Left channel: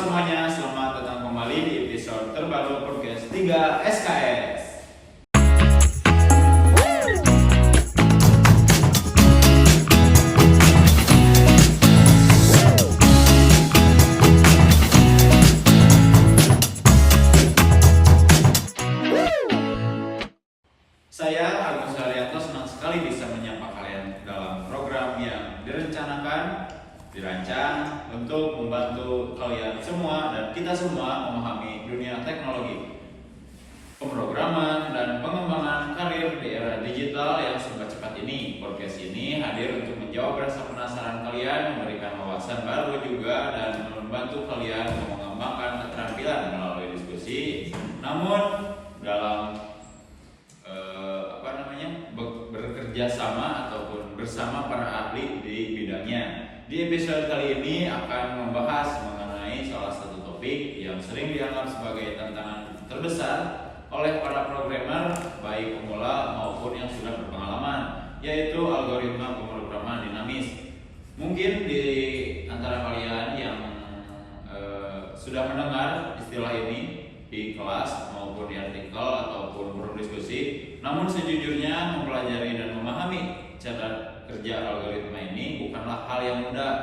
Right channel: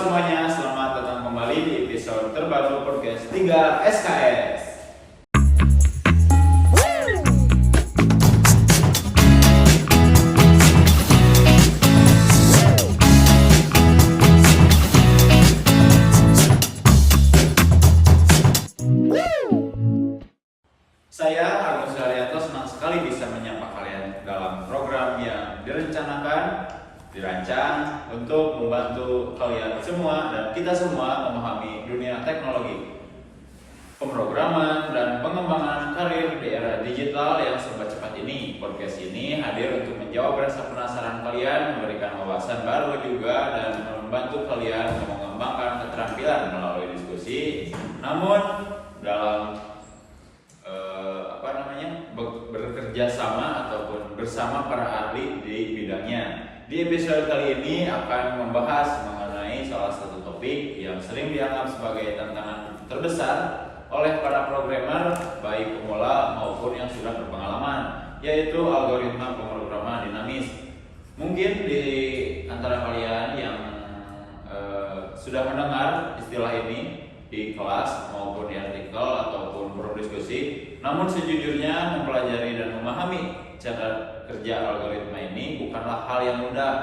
semuanya, selamat datang kembali di episode terbaru podcast 3 SKS. Saya Agus Haryanto senang sekali bisa menyapa kalian dalam program yang dirancang untuk membantu kalian semua dan kita semua memahami dunia teknologi, pemrograman, dan pengembangan karir di era digital yang serba cepat ini. Podcast ini hadir untuk menjawab rasa penasaran kalian, memberikan wawasan baru juga, dan membantu kalian mengembangkan keterampilan melalui diskusi. Namun dalam bekerja sama ataupun bersama para ahli di bidangnya. Di episode kali ini akan membahas mengenai salah satu topik yang sering dianggap sebagai tantangan terbesar oleh para programmer baik pemula maupun yang sudah berpengalaman, yaitu algoritma pemrograman dinamis. Mungkin di antara kalian yang sudah mendengar istilah ini di kelas maupun di artikel ataupun forum diskusi, namun sejujurnya mempelajari dan memahami cara kerja algoritma ini bukanlah hal yang mudah.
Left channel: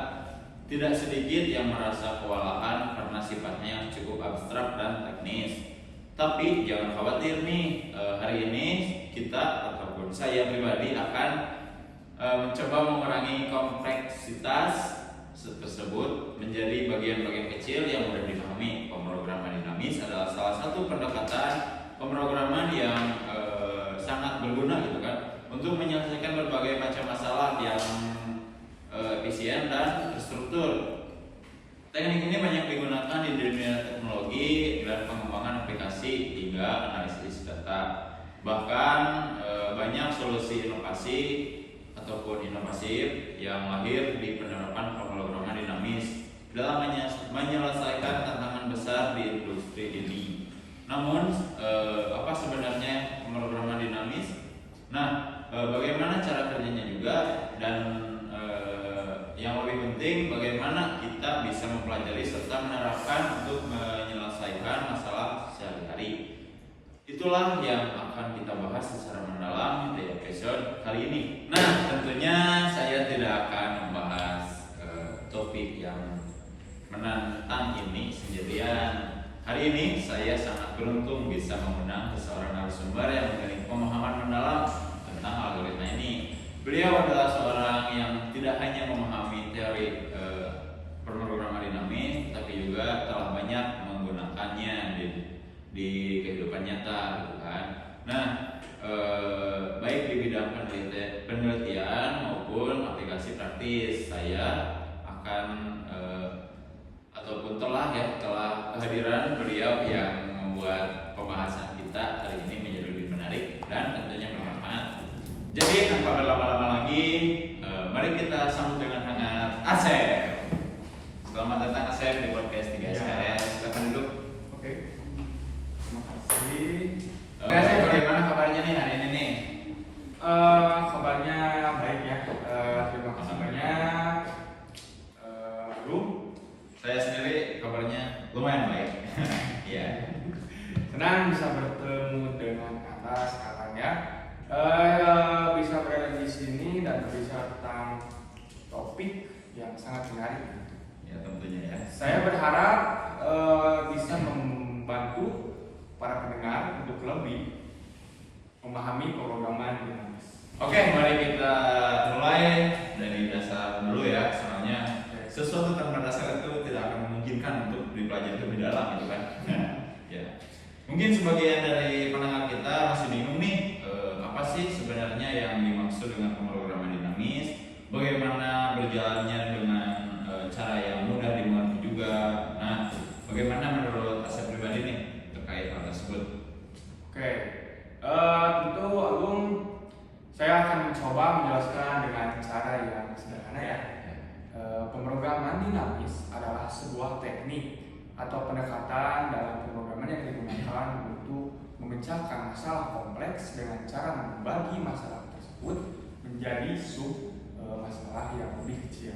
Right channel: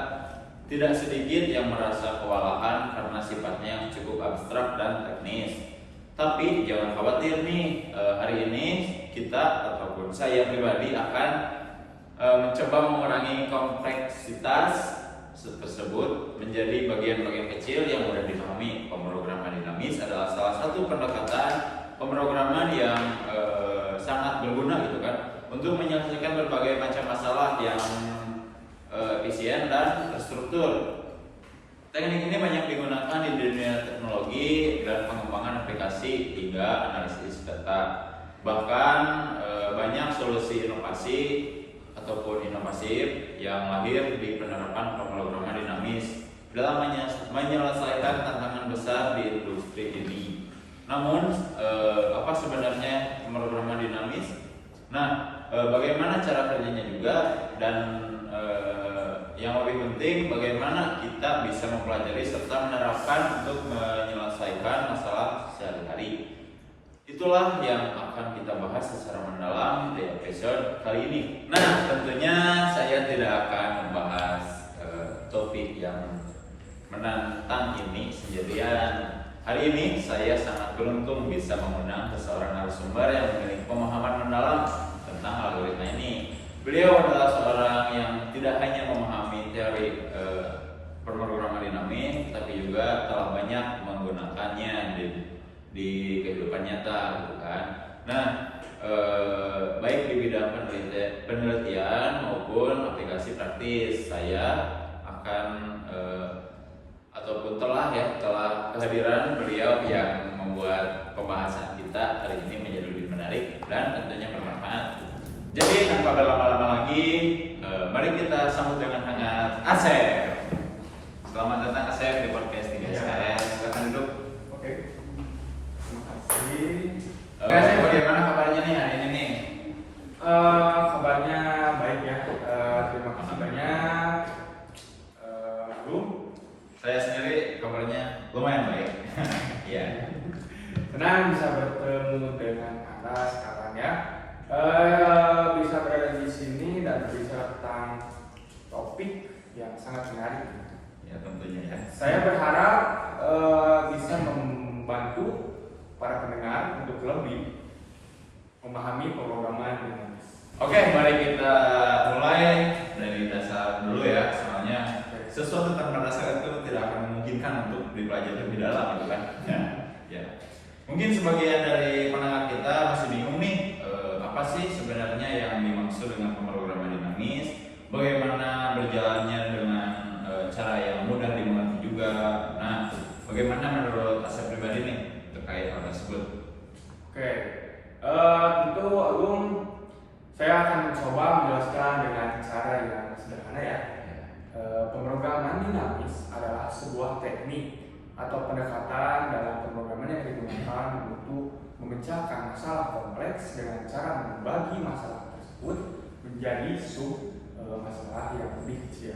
Tidak sedikit yang merasa kewalahan karena sifatnya yang cukup abstrak dan teknis. Tapi jangan khawatir nih, hari ini kita ataupun saya pribadi akan mencoba mengurangi kompleksitas tersebut menjadi bagian-bagian kecil yang mudah dipahami. Pemrograman dinamis adalah salah satu pendekatan pemrograman yang sangat berguna gitu kan, untuk menyelesaikan berbagai macam masalah yang efisien dan terstruktur. Teknik ini banyak digunakan di dunia teknologi dan pengembangan aplikasi hingga analisis data. Bahkan banyak solusi inovasi ataupun inovatif yang lahir di penerapan pemrograman dinamis dalam menyelesaikan tantangan besar di industri ini. Namun, apa sebenarnya pemrograman dinamis? Nah, bagaimana cara kerjanya juga, dan yang lebih penting bagaimana kita bisa mempelajari serta menerapkan untuk menyelesaikan masalah sehari-hari. Itulah yang akan kita bahas secara mendalam di episode kali ini. Nah, tentunya saya tidak akan membahas topik yang menantang ini sendirian. Hari ini saya sangat beruntung bisa mengundang seseorang narasumber yang memiliki pemahaman mendalam tentang algoritma ini. Beliau adalah seorang yang tidak hanya memahami teori pemrograman dinamis, tapi juga telah banyak menggunakannya di kehidupan nyata, gitu kan. Nah, baik di bidang penelitian maupun aplikasi praktis, saya akan ataupun telah kehadiran beliau yang membuat pembahasan kita hari ini menjadi lebih menarik dan tentunya bermanfaat. Jadi tanpa berlama-lama lagi, mari kita sambut dengan hangat Asep. Selamat datang Asep di podcast 3 SKS. Silakan duduk. Oke. Terima kasih. Asep, bagaimana kabarnya nih hari ini nih? Kabarnya baik ya. Terima kasih banyak. Saya sendiri kabarnya lumayan baik. Iya. Senang bisa bertemu dengan Anda sekarang ya. Bisa berada di sini dan berbicara tentang topik yang sangat menarik. Ya, tentunya ya. Saya berharap bisa membantu para pendengar untuk lebih memahami pemrograman dinamis. Oke, mari kita mulai dari dasar dulu ya. Soalnya sesuatu tanpa dasar itu tidak akan memungkinkan untuk dipelajari lebih dalam, gitu kan? Ya. Mungkin sebagian dari pendengar kita masih bingung nih, apa sih sebenarnya yang dimaksud dengan pemrograman dinamis? Bagaimana berjalannya dengan cara yang mudah dimengerti juga? Nah, bagaimana menurut Asep pribadi nih terkait hal tersebut? Oke, tentu Agung, saya akan mencoba menjelaskan dengan cara yang sederhana ya. Pemrograman dinamis adalah sebuah teknik atau pendekatan dalam pemrograman yang digunakan untuk memecahkan masalah kompleks dengan cara membagi masalah tersebut menjadi masalah yang lebih kecil.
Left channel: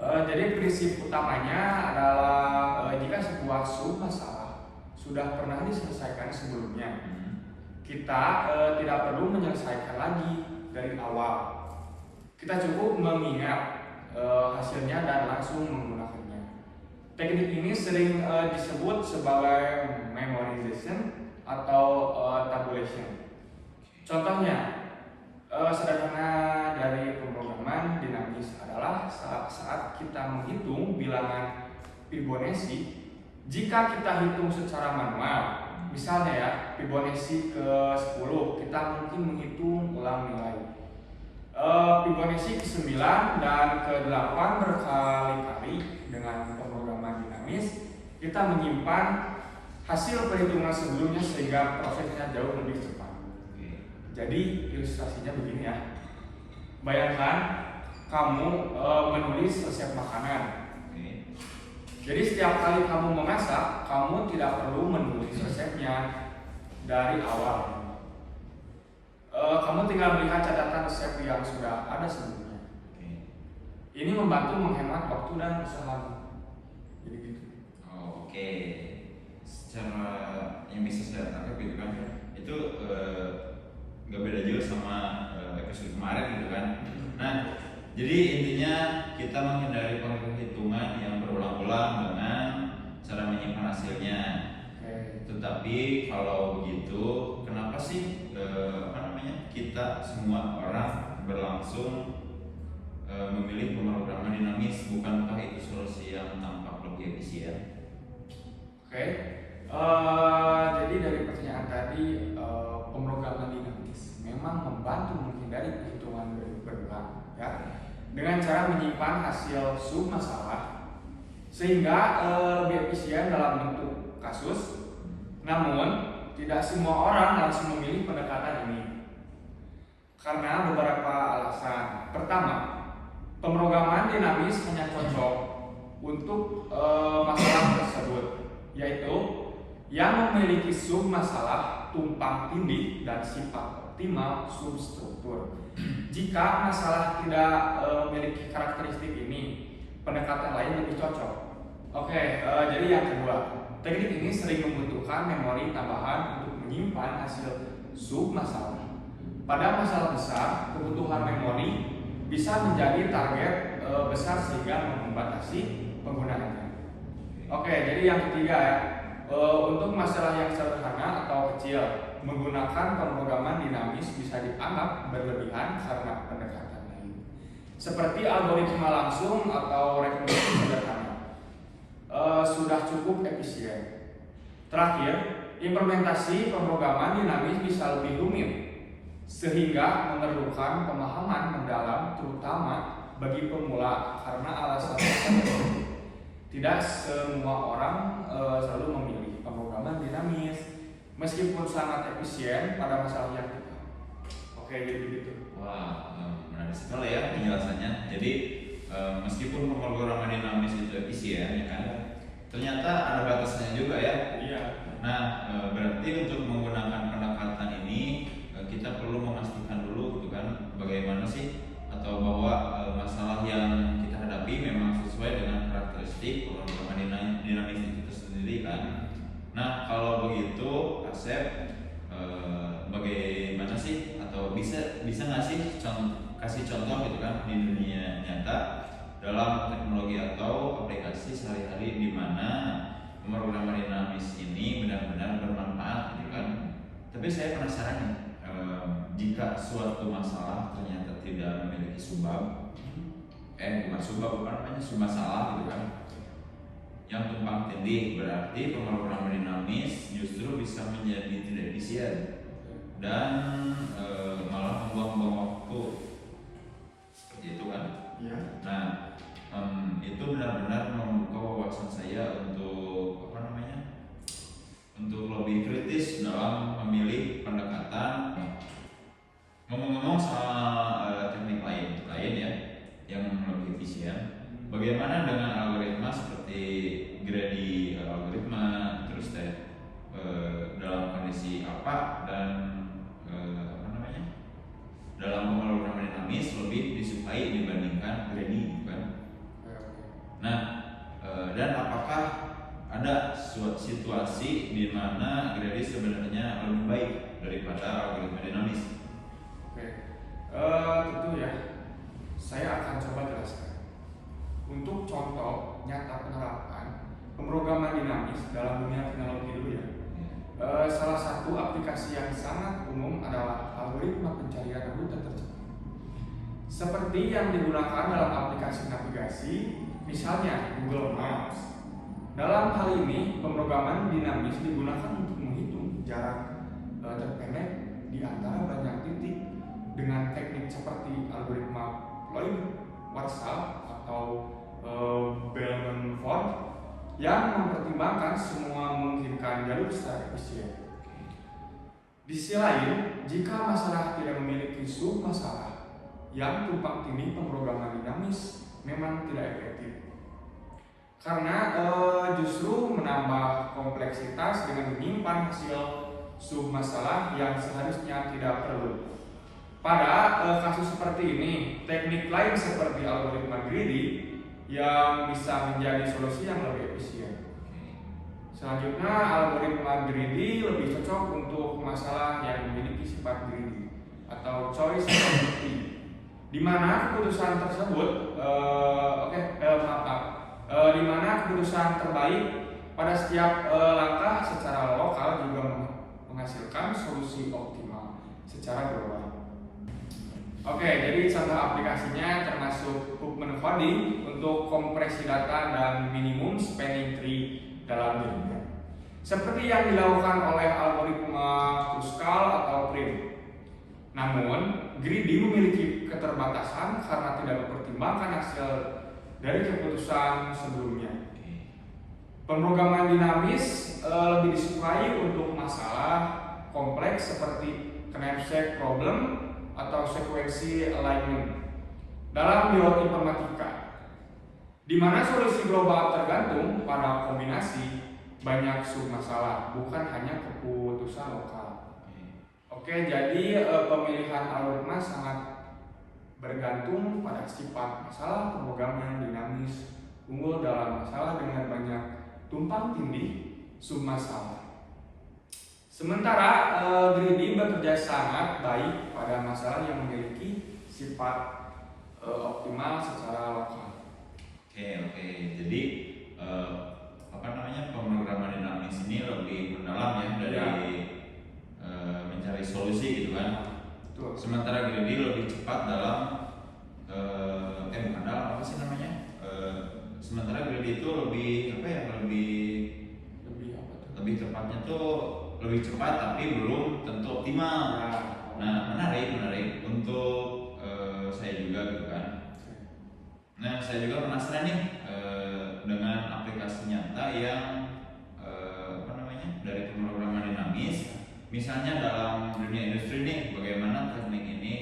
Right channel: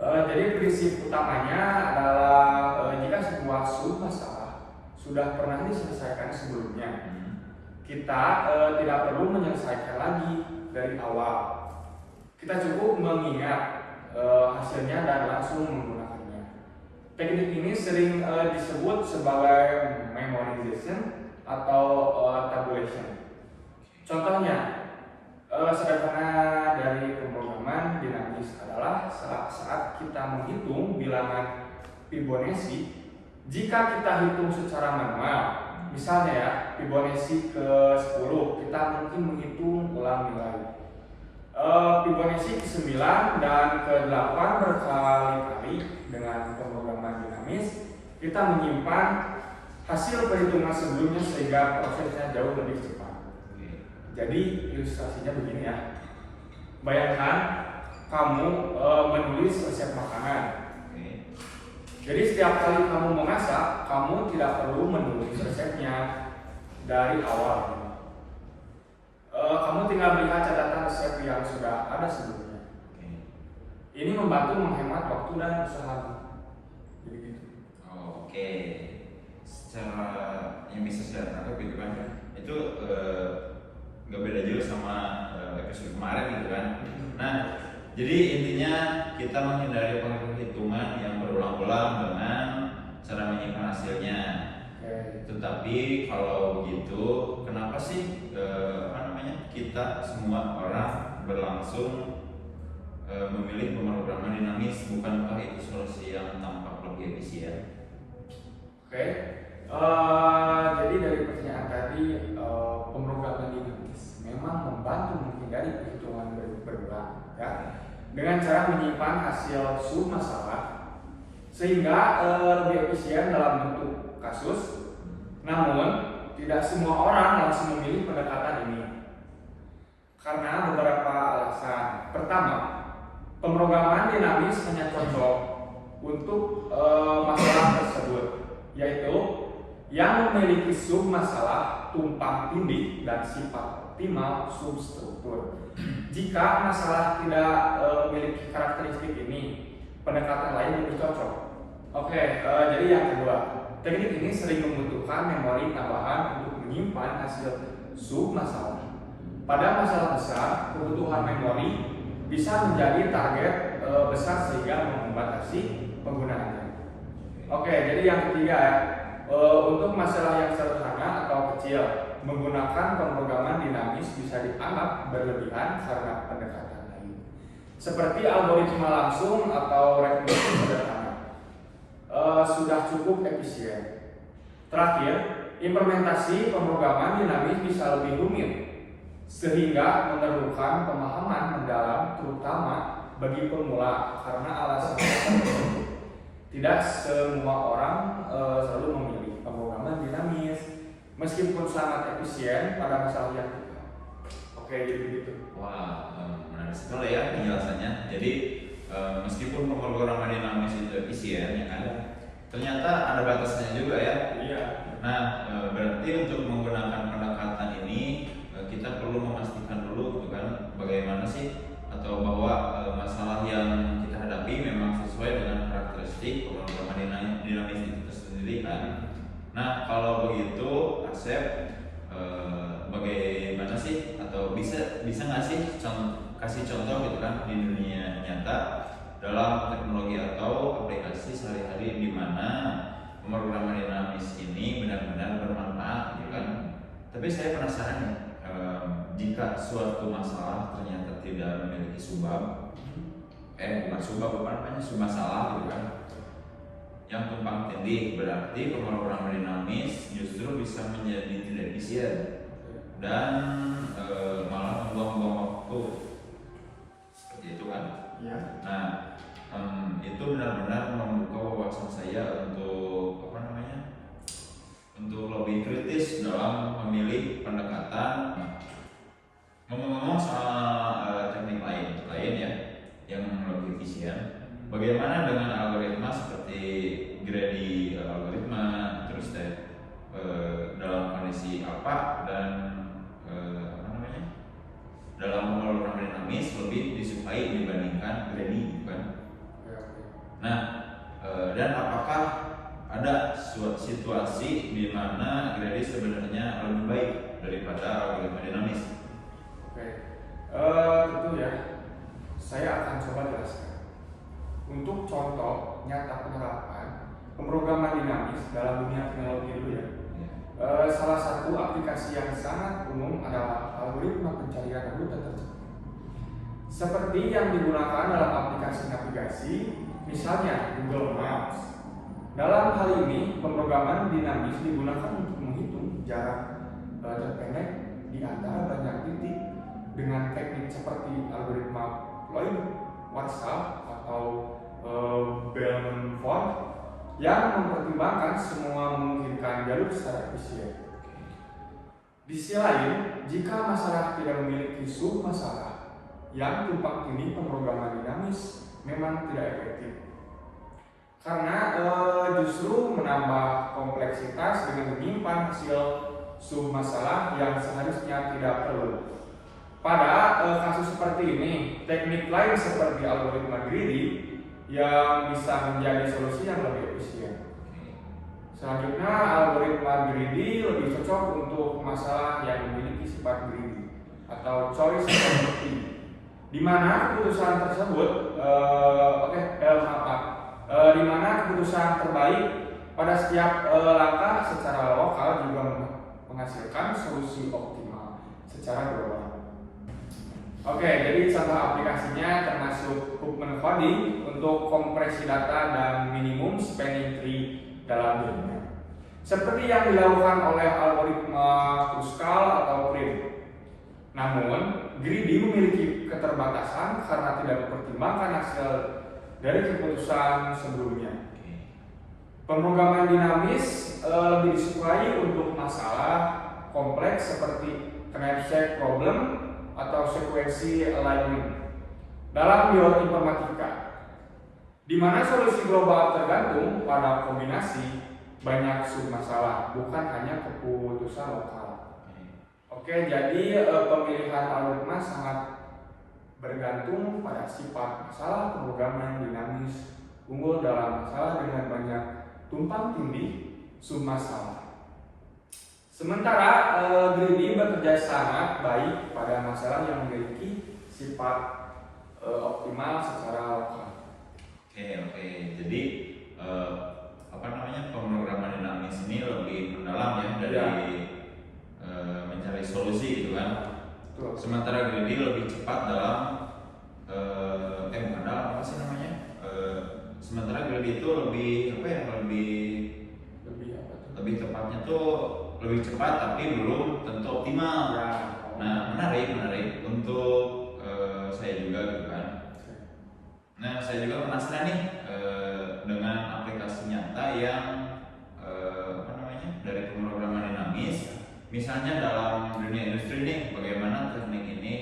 Jadi prinsip utamanya adalah sebuah submasalah sudah pernah diselesaikan sebelumnya, kita tidak perlu menyelesaikan lagi dari awal. Kita cukup mengingat hasilnya dan langsung menggunakannya. Teknik ini sering disebut sebagai memorization atau tabulation. Contohnya, sederhana dari pemrograman dinamis adalah saat kita menghitung bilangan Fibonacci. Jika kita hitung secara manual, misalnya ya, Fibonacci ke 10, kita mungkin menghitung ulang nilai Fibonacci ke 9 dan ke 8 berkali-kali. Dengan pemrograman dinamis, kita menyimpan hasil perhitungan sebelumnya sehingga prosesnya jauh lebih cepat. Jadi ilustrasinya begini ya. Bayangkan kamu menulis resep makanan. Jadi setiap kali kamu memasak, kamu tidak perlu menulis resepnya dari awal. Kamu tinggal melihat catatan resep yang sudah ada sebelumnya. Ini membantu menghemat waktu dan usaha. Jadi gitu. Oke. Secara yang bisa saya tangkap gitu kan, itu nggak beda jauh sama episode kemarin gitu kan. Nah, jadi intinya kita menghindari penghitungan yang berulang-ulang dengan cara menyimpan hasilnya. Tetapi kalau begitu, kenapa sih kita semua orang berlangsung memilih pemrograman dinamis? Bukankah itu solusi yang tampak lebih efisien? Jadi dari pertanyaan tadi, pemrograman dinamis memang membantu menghindari perhitungan berulang, ya, dengan cara menyimpan hasil submasalah sehingga lebih efisien dalam bentuk kasus. Namun tidak semua orang langsung memilih pendekatan ini karena beberapa alasan. Pertama, pemrograman dinamis hanya cocok untuk masalah tersebut, yaitu yang memiliki submasalah tumpang tindih dan sifat optimal substruktur. Jika masalah tidak memiliki karakteristik ini, pendekatan lain lebih cocok. Jadi yang kedua, teknik ini sering membutuhkan memori tambahan untuk menyimpan hasil submasalah. Pada masalah besar, kebutuhan memori bisa menjadi target besar sehingga membatasi penggunaannya. Jadi yang ketiga ya, untuk masalah yang sederhana atau kecil, menggunakan pemrograman dinamis bisa dianggap berlebihan karena pendekatan lain, seperti algoritma langsung atau rekomendasi sederhana. Sudah cukup efisien. Terakhir, implementasi pemrograman dinamis bisa lebih rumit sehingga memerlukan pemahaman mendalam terutama bagi pemula karena alasan tersebut. Tidak semua orang selalu memilih pemrograman dinamis meskipun sangat efisien pada masalah yang kita. Jadi begitu. Wah, menarik sekali ya penjelasannya. Jadi meskipun pemrograman dinamis itu efisien, ya kan, ternyata ada batasannya juga ya. Iya. Nah, berarti untuk menggunakan pendekatan ini kita perlu memastikan dulu, gitu kan, bagaimana sih atau bahwa masalah yang kita hadapi memang sesuai dengan karakteristik pemrograman dinamis itu sendiri kan. Nah, kalau begitu, Asep, bagaimana sih atau bisa nggak sih kasih contoh gitu kan di dunia nyata dalam teknologi atau aplikasi sehari-hari di mana pemrograman dinamis ini benar-benar bermanfaat gitu kan. Tapi saya penasaran nih, jika suatu masalah ternyata tidak memiliki submasalah gitu kan, yang tumpang tindih, berarti pemrograman dinamis justru bisa menjadi tidak efisien dan malah membuang-buang waktu, seperti itu kan. Ya. Nah, itu benar-benar membuka wawasan saya untuk untuk lebih kritis dalam memilih pendekatan. Ngomong-ngomong soal teknik lain ya yang lebih efisien, bagaimana dengan algoritma seperti greedy algoritma, terus dalam kondisi apa dan dalam pemrograman dinamis lebih disukai dibandingkan greedy kan? Nah, dan apakah ada suatu situasi di mana Grady sebenarnya lebih baik daripada algoritma dinamis. Oke, tentu ya, saya akan coba jelaskan. Untuk contoh nyata penerapan pemrograman dinamis dalam dunia teknologi dulu ya. Salah satu aplikasi yang sangat umum adalah algoritma pencarian rute tercepat. Seperti yang digunakan dalam aplikasi navigasi, misalnya Google Maps. Dalam hal ini, pemrograman dinamis digunakan untuk menghitung jarak terpendek di antara banyak titik dengan teknik seperti algoritma Lloyd-Warshall atau Bellman-Ford yang mempertimbangkan semua memungkinkan jalur secara efisien. Di sisi lain, jika masalah tidak memiliki submasalah yang tumpang tindih, pemrograman dinamis memang tidak efektif. Karena justru menambah kompleksitas dengan menyimpan hasil submasalah yang seharusnya tidak perlu. Pada kasus seperti ini, teknik lain seperti algoritma greedy yang bisa menjadi solusi yang lebih efisien. Selanjutnya, algoritma greedy lebih cocok untuk masalah yang memiliki sifat greedy atau choice property, di mana keputusan tersebut di mana keputusan terbaik pada setiap langkah secara lokal juga menghasilkan solusi optimal secara global. Oke, jadi contoh aplikasinya termasuk Huckman coding untuk kompresi data dan minimum spanning tree dalam dirinya. Seperti yang dilakukan oleh algoritma Kruskal atau Prim. Namun, greedy memiliki keterbatasan karena tidak mempertimbangkan hasil dari keputusan sebelumnya. Pemrograman dinamis lebih disukai untuk masalah kompleks seperti knapsack problem atau sekuensi alignment dalam bioinformatika, di mana solusi global tergantung pada kombinasi banyak submasalah, bukan hanya keputusan lokal. Oke, jadi pemilihan algoritma sangat bergantung pada sifat masalah pemrograman dinamis unggul dalam masalah dengan banyak tumpang tindih submasalah. Sementara greedy bekerja sangat baik pada masalah yang memiliki sifat optimal secara lokal. Oke. Jadi pemrograman dinamis ini lebih mendalam ya dari mencari solusi gitu kan. Betul. Sementara greedy lebih cepat dalam bukan dalam apa sih namanya? Sementara greedy itu lebih tepatnya tuh lebih cepat tapi belum tentu optimal. Ya. Nah, menarik untuk saya juga gitu kan. Nah, saya juga penasaran nih dengan aplikasi nyata yang dari pemrograman dinamis. Misalnya dalam dunia industri nih, bagaimana teknik ini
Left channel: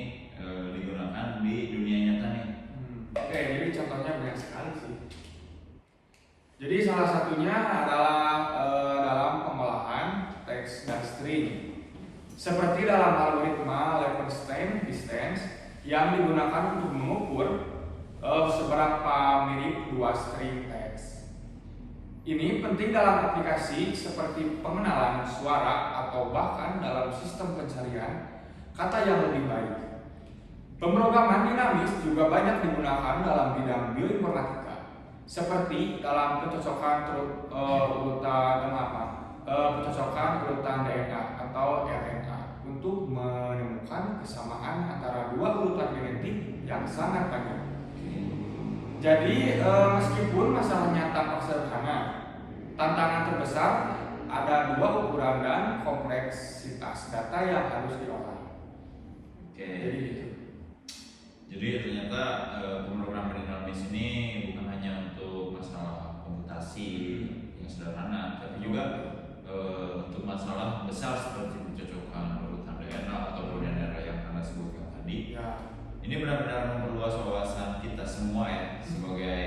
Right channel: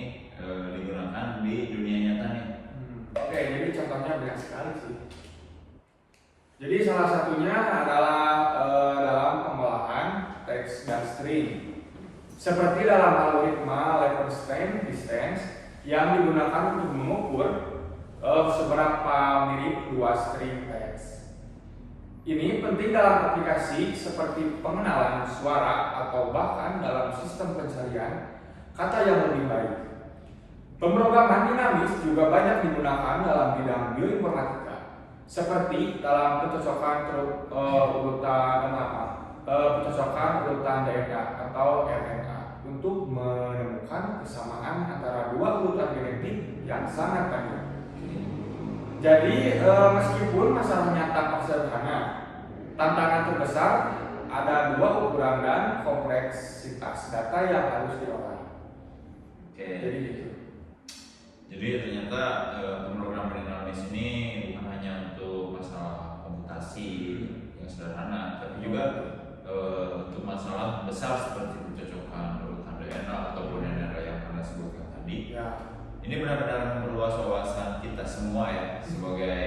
digunakan di dunia nyata nih? Oke, jadi contohnya banyak sekali sih. Jadi salah satunya adalah dalam pengolahan teks dan string, seperti dalam algoritma Levenshtein distance yang digunakan untuk mengukur seberapa mirip dua string teks. Ini penting dalam aplikasi seperti pengenalan suara atau bahkan dalam sistem pencarian kata yang lebih baik. Pemrograman dinamis juga banyak digunakan dalam bidang bioinformatika, seperti dalam pencocokan urutan DNA atau RNA untuk menemukan kesamaan antara dua urutan genetik yang sangat banyak. Jadi meskipun masalahnya tampak sederhana, tantangan terbesar ada dua ukuran dan kompleksitas data yang harus diolah. Jadi ternyata pemrograman dinamis ini bukan hanya untuk masalah komputasi yang sederhana, tapi juga untuk masalah besar seperti pencocokan urutan DNA ataupun DNA yang Anda sebutkan tadi. Ya. Ini benar-benar memperluas wawasan kita semua ya, sebagai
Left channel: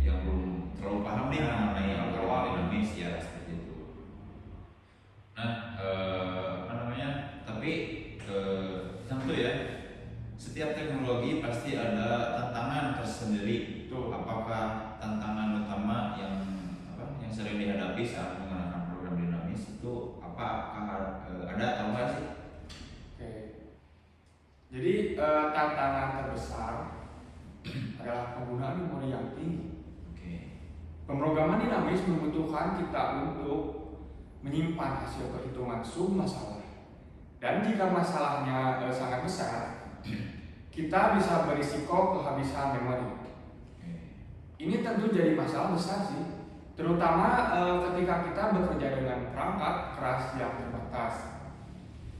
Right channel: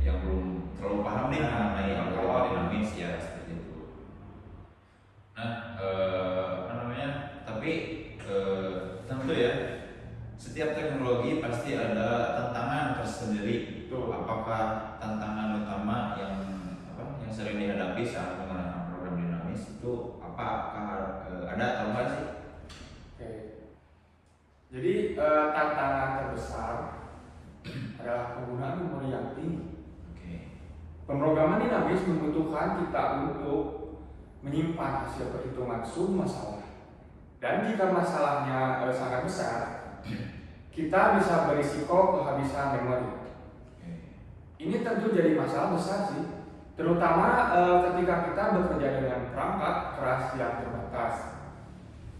yang belum terlalu paham nih mengenai algoritma dinamis ya seperti itu. Nah, tapi tentu ya, setiap teknologi pasti ada tantangan tersendiri. Betul. Apakah tantangan utama yang yang sering dihadapi saat menggunakan program dinamis itu apa? Apakah ada atau enggak sih? Oke. Jadi tantangan terbesar adalah penggunaan memori yang tinggi. Oke. Pemrograman dinamis membutuhkan kita untuk menyimpan hasil perhitungan sum masalah. Dan jika masalahnya sangat besar, kita bisa berisiko kehabisan memori. Ini tentu jadi masalah besar sih, terutama ketika kita bekerja dengan perangkat keras yang terbatas.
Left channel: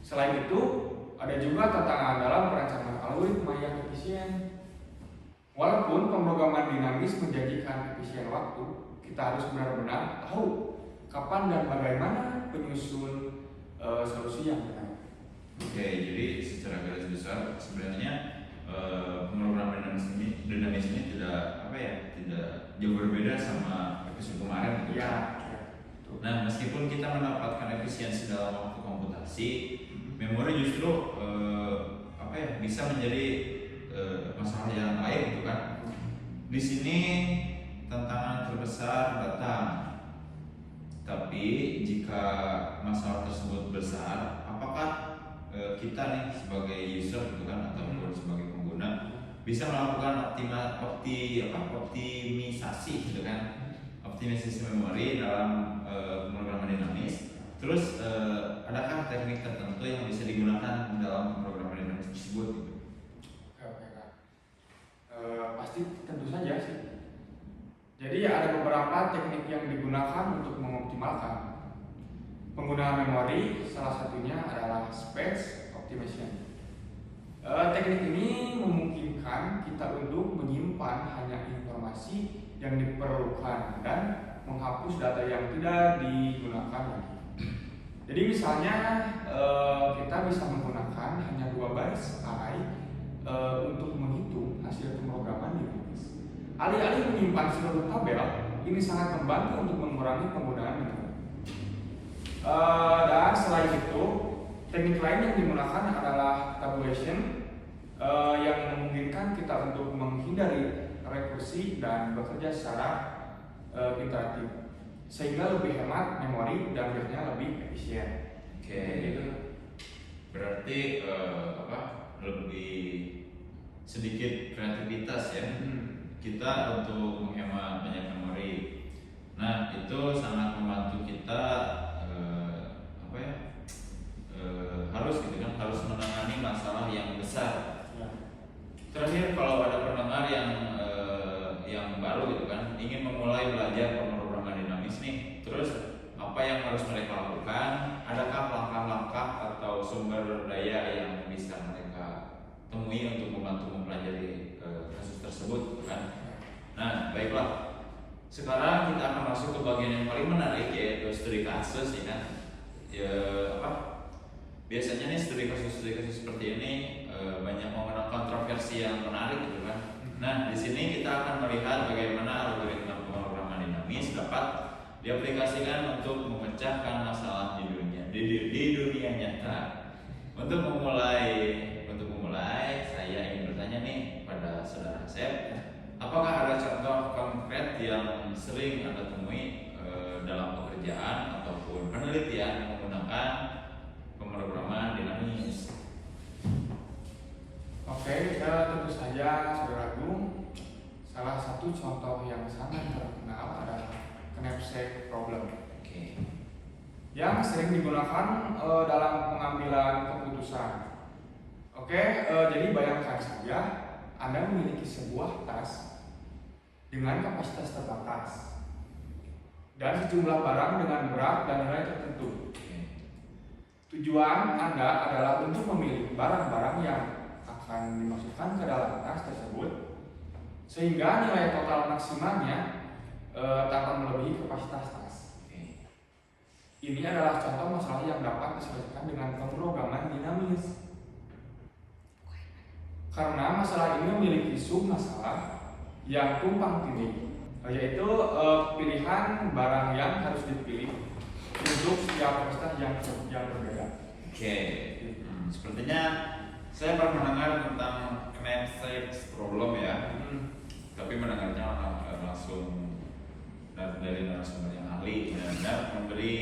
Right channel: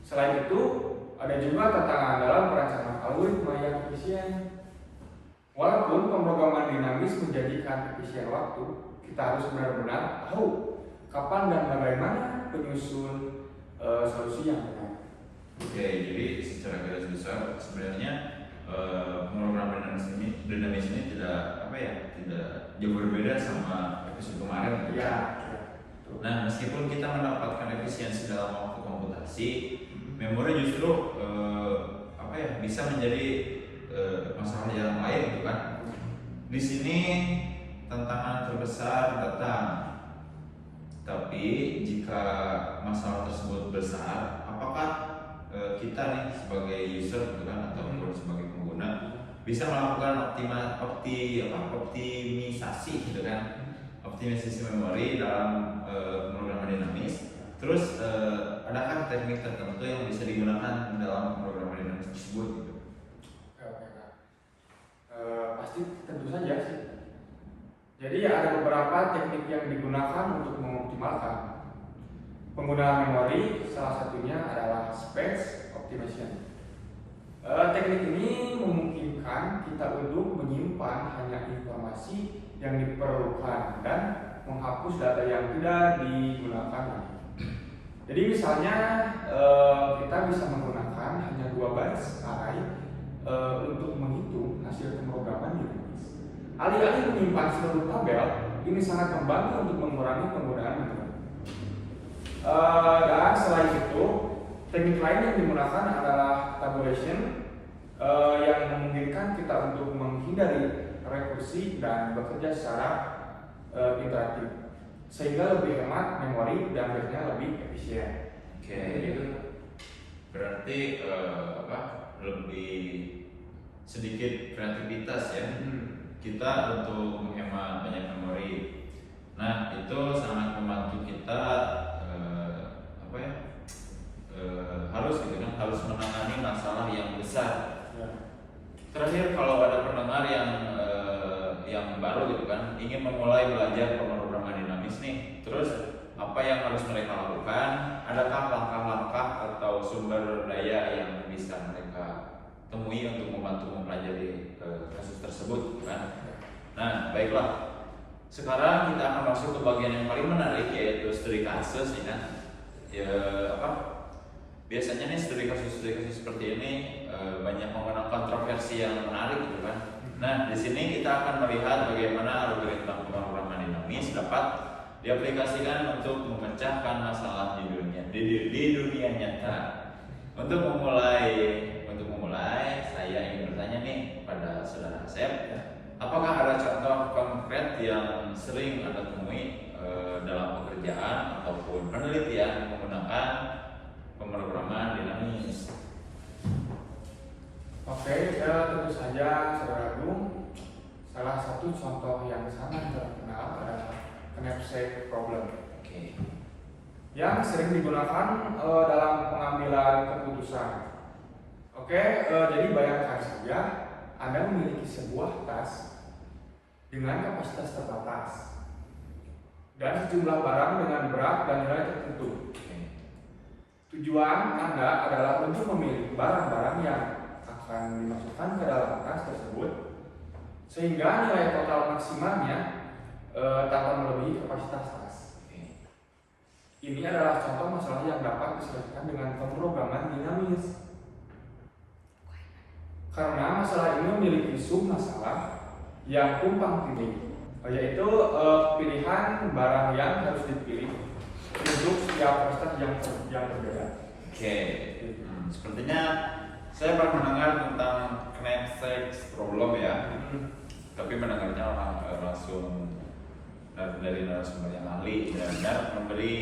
Selain itu, ada juga tantangan dalam perencanaan algoritma yang efisien. Walaupun pemrograman dinamis menjanjikan efisien waktu, kita harus benar-benar tahu kapan dan bagaimana penyusun solusi yang benar. Oke, jadi secara garis besar sebenarnya pemrograman dinamis ini tidak jauh berbeda sama episode kemarin. Ya. Nah, meskipun kita mendapatkan efisiensi dalam waktu komputasi, memori justru bisa menjadi masalah yang lain gitu kan. Di sini tantangan terbesar datang. Tapi jika masalah tersebut besar, apakah kita nih sebagai user gitu kan ataupun sebagai pengguna bisa melakukan optimisasi gitu kan, optimisasi memori dalam pemrograman dinamis. Terus adakah teknik tertentu yang bisa digunakan dalam pemrograman dinamis tersebut gitu? Pasti tentu saja sih. Jadi ada beberapa teknik yang digunakan untuk mengoptimalkan penggunaan memori. Salah satunya adalah space optimization. Teknik ini memungkinkan kita untuk menyimpan hanya informasi yang diperlukan dan menghapus data yang tidak digunakan lagi. Jadi misalnya kita bisa menggunakan hanya 2 baris array untuk menghitung hasil pemrograman dinamis. Alih-alih menyimpan seluruh tabel, ini sangat membantu untuk mengurangi penggunaan memori. Dan selain itu, teknik lain yang digunakan adalah tabulation yang memungkinkan kita untuk menghindari rekursi dan bekerja secara iteratif, sehingga lebih hemat memori dan akhirnya lebih efisien. Oke. Berarti lebih sedikit kreativitas ya. Kita untuk menghemat banyak memori. Nah, itu sangat membantu kita harus menangani masalah yang besar. Terakhir, kalau ada pendengar yang baru gitu kan ingin memulai belajar pemrograman dinamis nih, terus apa yang harus mereka lakukan? Adakah langkah-langkah atau sumber daya yang bisa mereka temui untuk membantu mempelajari kasus tersebut kan? Nah, baiklah. Sekarang kita akan masuk ke bagian yang paling menarik, yaitu studi kasus ya kan. Biasanya nih studi kasus seperti ini banyak menggunakan kontroversi yang menarik gitu kan. Nah, di sini kita akan melihat bagaimana algoritma pemrograman dinamis dapat diaplikasikan untuk memecahkan masalah di dunia nyata. Untuk memulai, saya ingin bertanya nih pada saudara Asep, apakah ada contoh konkret yang sering Anda temui dalam pekerjaan ataupun penelitian menggunakan pemrograman dinamis? Oke, tentu saja saudara Agung, salah satu contoh yang sangat terkenal adalah knapsack problem. Yang sering digunakan dalam pengambilan keputusan. Jadi bayangkan saja Anda memiliki sebuah tas dengan kapasitas terbatas dan sejumlah barang dengan berat dan nilai tertentu. Tujuan Anda adalah untuk memilih barang-barang yang akan dimasukkan ke dalam tas tersebut sehingga nilai total maksimalnya tanpa melebihi kapasitas tas. Ini adalah contoh masalah yang dapat diselesaikan dengan pemrograman dinamis. Karena masalah ini memiliki submasalah yang tumpang tindih, yaitu pilihan barang yang harus dipilih untuk setiap kapasitas yang berbeda. Sepertinya saya pernah mendengar tentang knapsack problem ya, tapi mendengarnya langsung dari narasumber yang ahli, benar-benar memberi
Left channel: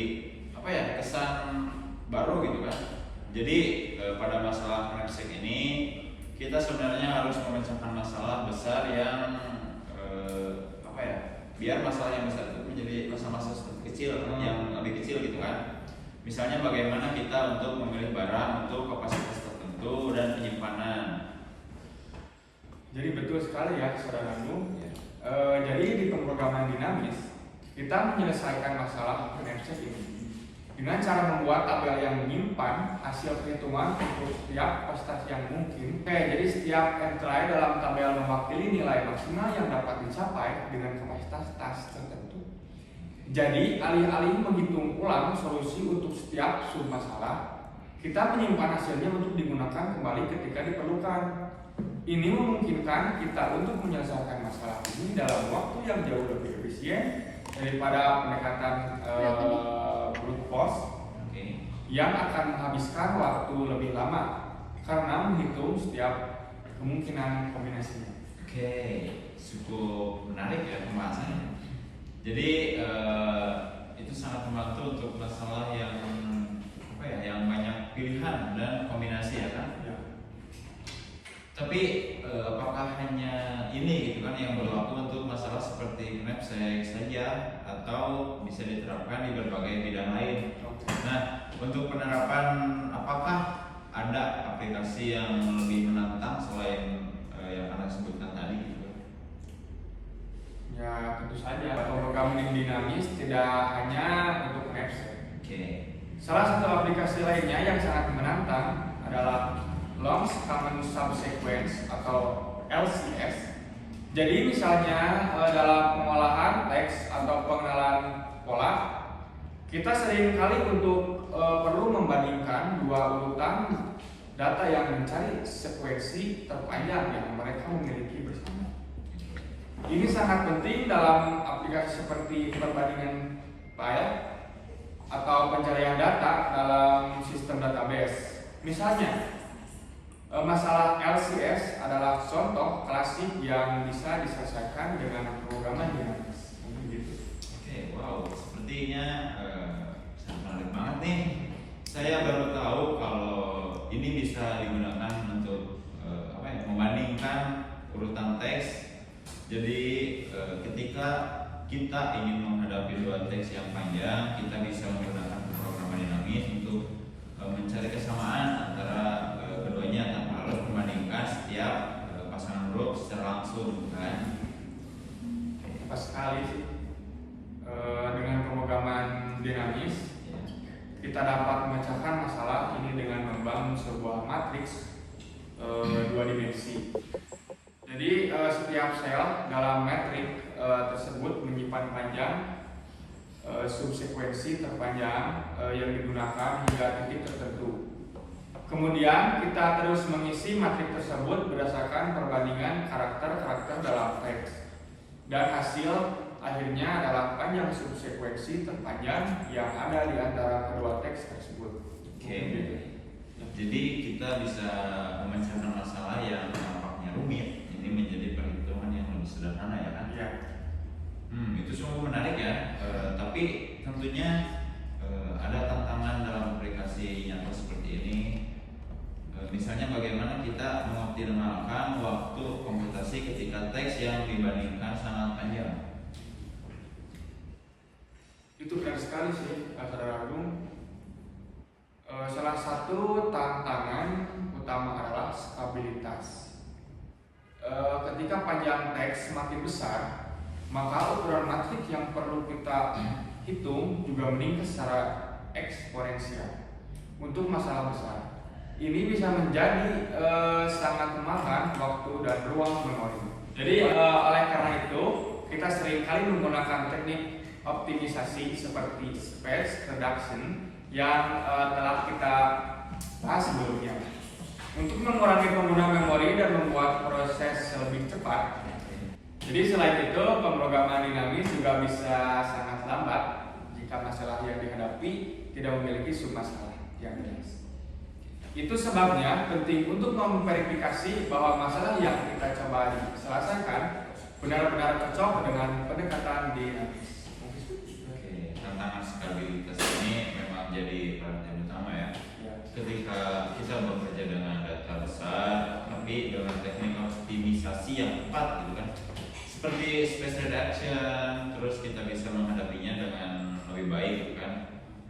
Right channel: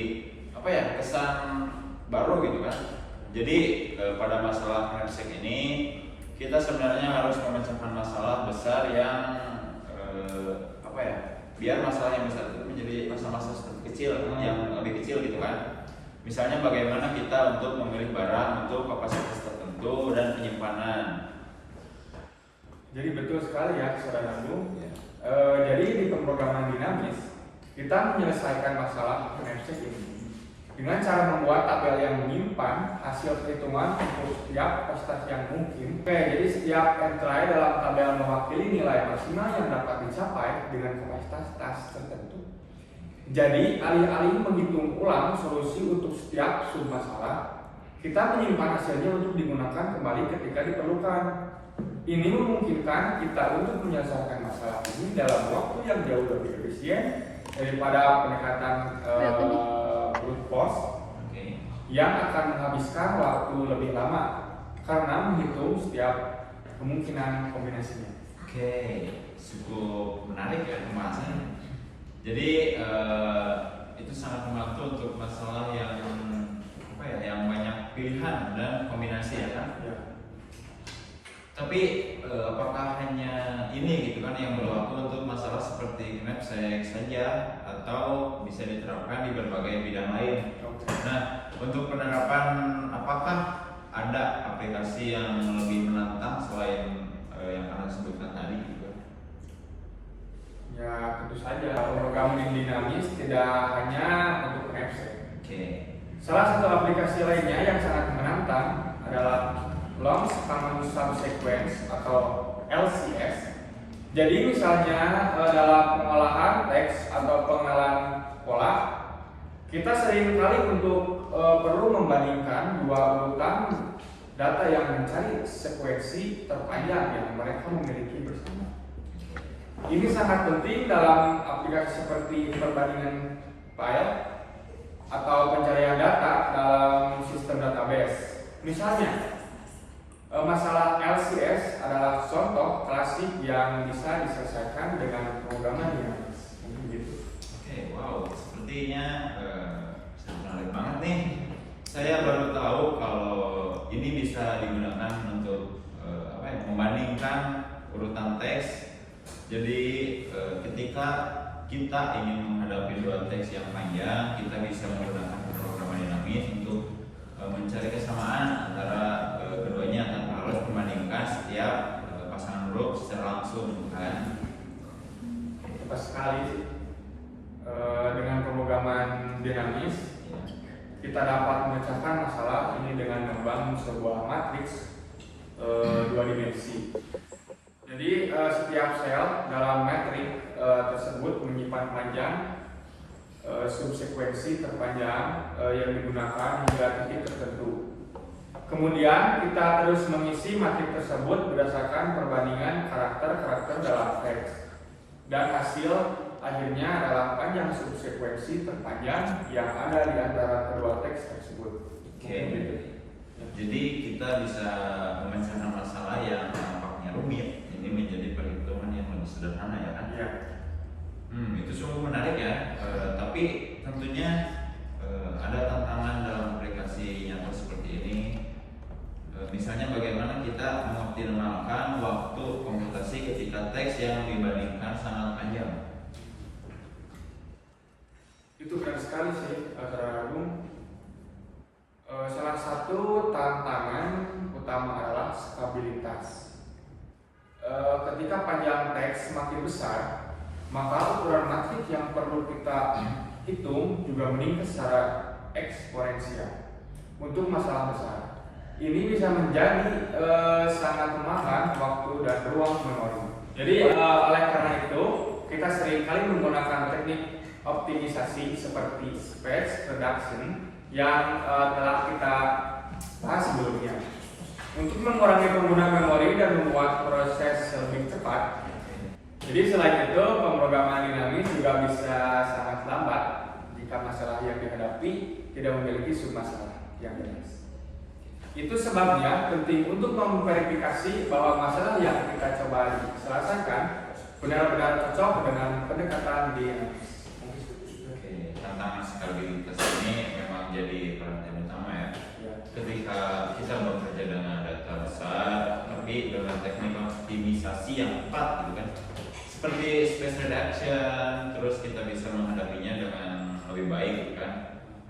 apa ya, kesan baru gitu kan. Jadi pada masalah knapsack ini kita sebenarnya harus memecahkan masalah besar yang apa ya, biar masalah yang besar itu menjadi masalah-masalah kecil yang lebih kecil gitu kan. Misalnya bagaimana kita untuk memilih barang untuk kapasitas tertentu dan penyimpanan. Jadi betul sekali ya saudaraku. Ya. Jadi di pemrograman dinamis kita menyelesaikan masalah knapsack ini dengan cara membuat tabel yang menyimpan hasil perhitungan untuk setiap prestasi yang mungkin. Oke, jadi setiap entry dalam tabel mewakili nilai maksimal yang dapat dicapai dengan kapasitas tertentu. Jadi alih-alih menghitung ulang solusi untuk setiap submasalah, kita menyimpan hasilnya untuk digunakan kembali ketika diperlukan. Ini memungkinkan kita untuk menyelesaikan masalah ini dalam waktu yang jauh lebih efisien daripada pendekatan brute force yang akan menghabiskan waktu lebih lama karena menghitung setiap kemungkinan kombinasinya. Oke, cukup menarik ya pembahasannya. Jadi itu sangat membantu untuk masalah yang apa ya, yang banyak pilihan dan kombinasi ya kan. Ya. Tapi apakah hanya ini gitu kan yang berlaku untuk masalah seperti knapsack saja atau bisa diterapkan di berbagai bidang lain? Nah, untuk penerapan apakah ada aplikasi yang lebih menantang selain yang Anda sebutkan tadi gitu? Ya, tentu saja pemrograman dinamis tidak hanya untuk knapsack. Oke. Salah satu aplikasi lainnya yang sangat menantang adalah Long Common Subsequence atau LCS. Jadi misalnya dalam pengolahan teks atau pengenalan pola, kita sering kali untuk perlu membandingkan dua urutan data yang mencari sekuensi terpanjang yang mereka memiliki bersama. Ini sangat penting dalam aplikasi seperti perbandingan file atau pencarian data dalam sistem database. Misalnya, masalah LCS adalah contoh klasik yang bisa diselesaikan dengan pemrograman dinamis. Oke, wow, sepertinya sangat menarik banget nih. Saya baru tahu kalau ini bisa digunakan untuk apa ya, membandingkan urutan teks. Jadi ketika kita ingin menghadapi dua teks yang panjang, kita bisa menggunakan pemrograman dinamis untuk mencari kesamaan antara keduanya tanpa harus membandingkan setiap pasangan huruf secara langsung kan. Tepat sekali. Dengan pemrograman dinamis kita dapat memecahkan masalah ini dengan membangun sebuah matriks dua dimensi. Jadi setiap sel dalam matrik tersebut menyimpan panjang subsekuensi terpanjang yang digunakan hingga titik tertentu. Kemudian kita terus mengisi matrik tersebut berdasarkan perbandingan karakter-karakter dalam teks, dan hasil akhirnya adalah panjang subsekuensi terpanjang yang ada di antara kedua teks tersebut. Oke. Jadi kita bisa memecahkan masalah yang nampaknya rumit ini menjadi perhitungan yang lebih sederhana ya kan? Ya. Itu sungguh menarik ya. Tapi tentunya ada tantangan dalam aplikasi nyata seperti ini. Misalnya bagaimana kita mengoptimalkan waktu komputasi ketika teks yang dibandingkan sangat panjang. Itu benar sekali sih, Saudara Agung. Salah satu tantangan utama adalah stabilitas. Ketika panjang teks semakin besar, maka ukuran matrik yang perlu kita hitung juga meningkat secara eksponensial. Untuk masalah besar, ini bisa menjadi sangat memakan waktu dan ruang memori. Jadi oleh karena itu, kita seringkali menggunakan teknik optimisasi seperti space reduction yang telah kita bahas sebelumnya untuk mengurangi pengguna memori dan membuat proses lebih cepat. Jadi selain itu, pemrograman dinamis juga bisa sangat lambat jika masalah yang dihadapi tidak memiliki submasalah yang jelas. Itu sebabnya penting untuk memverifikasi bahwa masalah yang kita coba selesaikan benar-benar cocok dengan pendekatan dinamis. tentang stabilitas ini memang jadi perhatian utama ya. Ya. Ketika kita bekerja dengan data besar, tapi dengan teknik optimisasi yang tepat gitu kan, seperti space reduction, terus kita bisa menghadapinya dengan lebih baik gitu kan.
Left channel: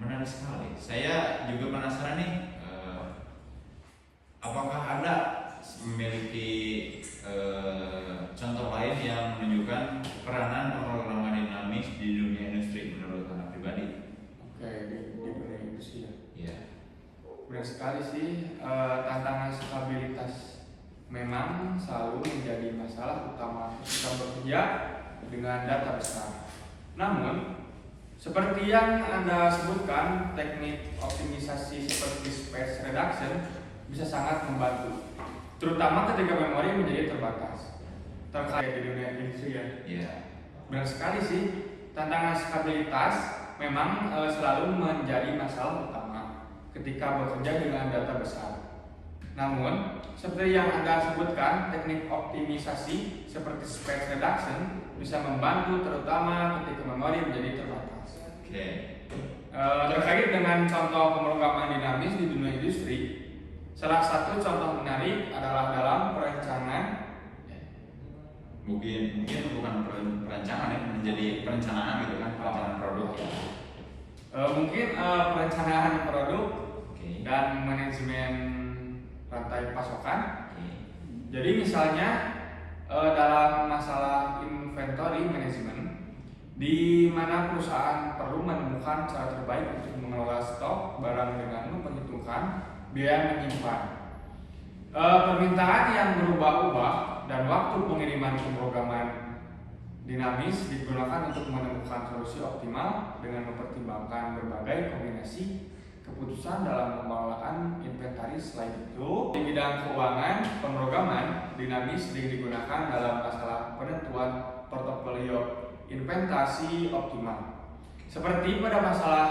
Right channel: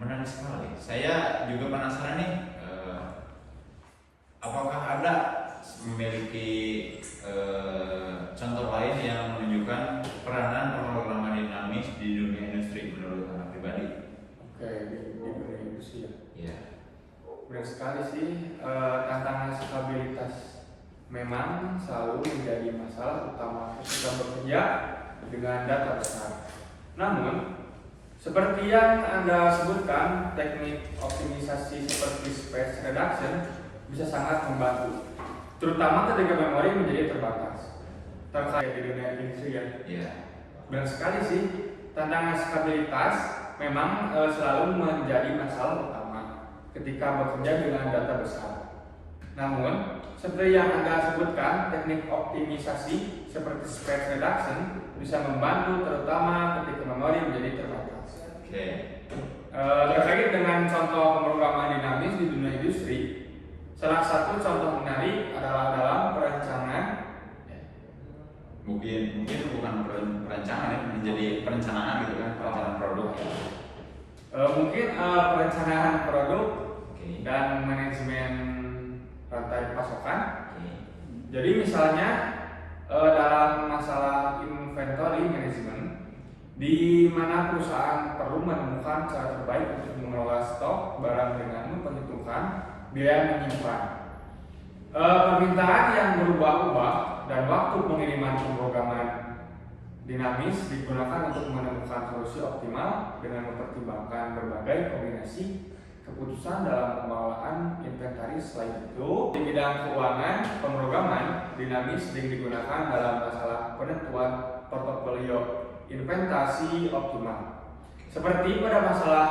Menarik sekali. Saya juga penasaran nih, apakah ada memiliki contoh lain yang menunjukkan peranan pemrograman dinamis di dunia industri menurut Anda pribadi? Oke, di dunia industri ya. Iya. Benar sekali sih, tantangan stabilitas memang selalu menjadi masalah utama ketika bekerja dengan data besar. Namun, seperti yang Anda sebutkan, teknik optimisasi seperti space reduction bisa sangat membantu, terutama ketika memori menjadi terbatas. Terkait di dunia industri ya. Iya. Benar sekali sih, tantangan stabilitas memang selalu menjadi masalah utama ketika bekerja dengan data besar. Namun, seperti yang Anda sebutkan, teknik optimisasi seperti space reduction bisa membantu terutama ketika memori menjadi terbatas. Oke. Terkait dengan contoh pemrograman dinamis di dunia industri, salah satu contoh menarik adalah dalam perencanaan. Mungkin bukan perencanaan ya, menjadi perencanaan gitu kan, perencanaan produk ya. Mungkin perencanaan produk Oke. dan manajemen rantai pasokan. Oke. Jadi misalnya dalam masalah inventory management, di mana perusahaan perlu menemukan cara terbaik untuk mengelola stok barang dengan memperhitungkan biaya menyimpan. Permintaan yang berubah-ubah dan waktu pengiriman pemrograman dinamis digunakan untuk menemukan solusi optimal dengan mempertimbangkan berbagai kombinasi keputusan dalam pengelolaan inventaris. Selain itu, di bidang keuangan, pemrograman dinamis sering digunakan dalam masalah penentuan portofolio investasi optimal. Seperti pada masalah